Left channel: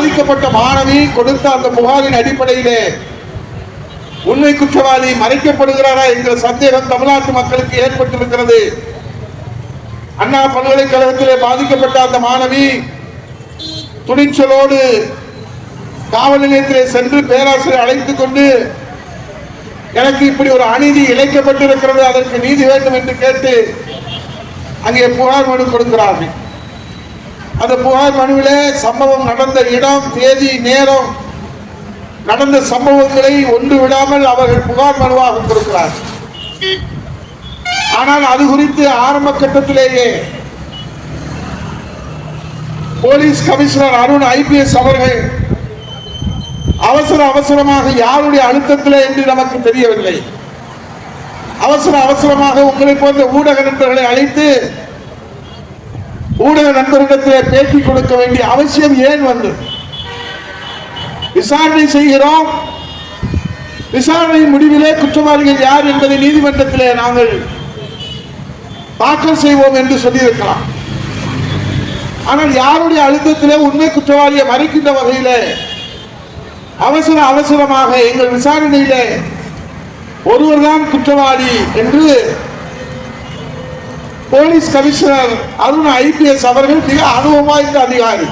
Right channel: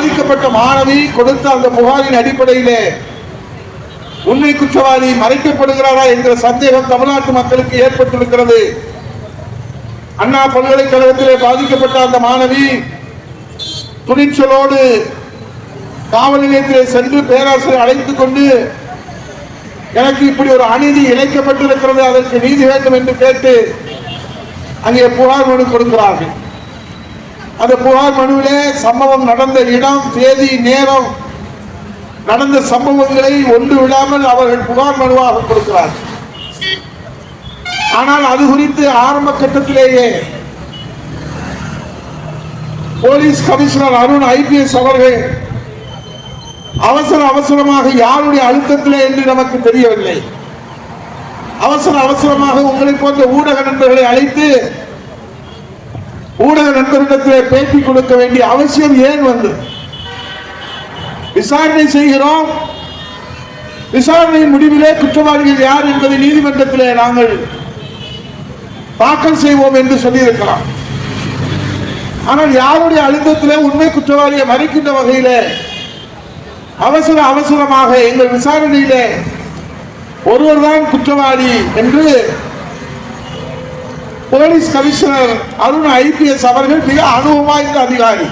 பாதிக்கப்பட்ட மாணவி கொடுத்த அந்த புகாரின் அடிப்படையிலே உண்மை குற்றவாளி மறைக்கப்படுகிறாரா என்கிற சந்தேகம் தமிழ்நாட்டு மக்களுக்கு ஏற்பட்டிருக்கிறது. அண்ணா பல்கலைக்கழகத்திலே பாதிக்கப்பட்ட அந்த மாணவி துணிச்சலோடு காவல் நிலையத்திலே சென்று பேராசிரியர் அழைத்துக் கொண்டு எனக்கு இப்படி ஒரு அநீதி இழைக்கப்பட்டிருக்கிறது அதற்கு நீதி வேண்டும் என்று கேட்டு அங்கே புகார் மனு கொடுக்கிறார்கள். அந்த புகார் மனுவிலே சம்பவம் நடந்த இடம் தேதி நேரம் நடந்த சம்பவங்களை ஒன்று விடாமல் அவர்கள் புகார் மனுவாக கொடுக்கிறார். ஆனால் அது குறித்து ஆரம்ப கட்டத்திலேயே போலீஸ் கமிஷனர் அருண் ஐபிஎஸ் அவர்கள் அவசர அவசரமாக யாருடைய அழுத்தத்தில் என்று நமக்கு தெரியவில்லை. அவசர அவசரமாக உங்களை போன்ற ஊடக நண்பர்களை அழைத்து ஊடக நண்பர்களிடத்தில் பேட்டி கொடுக்க வேண்டிய அவசியம் ஏன் வந்து? விசாரணை செய்கிறோம். விசாரணையின் முடிவிலே குற்றவாளிகள் யார் என்பதை நீதிமன்றத்திலே நாங்கள் தாக்கல் செய்வோம் என்று சொல்லியிருக்கலாம். ஆனால் யாருடைய அழுத்தத்திலே உண்மை குற்றவாளியை மறைக்கின்ற வகையிலே அவசர அவசரமாக எங்கள் விசாரணையிலே ஒருவர்தான் குற்றவாளி என்று போலீஸ் கமிஷனர் அருண் ஐபிஎஸ் அவர்கள் மிக அனுபவம் வாய்ந்த அதிகாரி.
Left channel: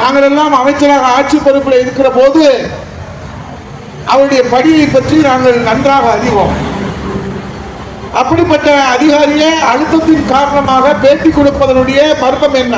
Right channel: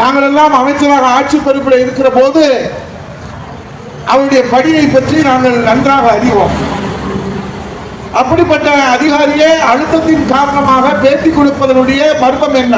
நாங்கள் எல்லாம் அமைச்சராக ஆட்சி பொறுப்பில் இருக்கிற போது அவருடைய பணியை பற்றி நாங்கள் நன்றாக அறிவோம். அப்படிப்பட்ட அதிகாரியே அழுத்தத்தின் காரணமாக பேட்டி கொடுப்பதனுடைய மர்மம் என்ன?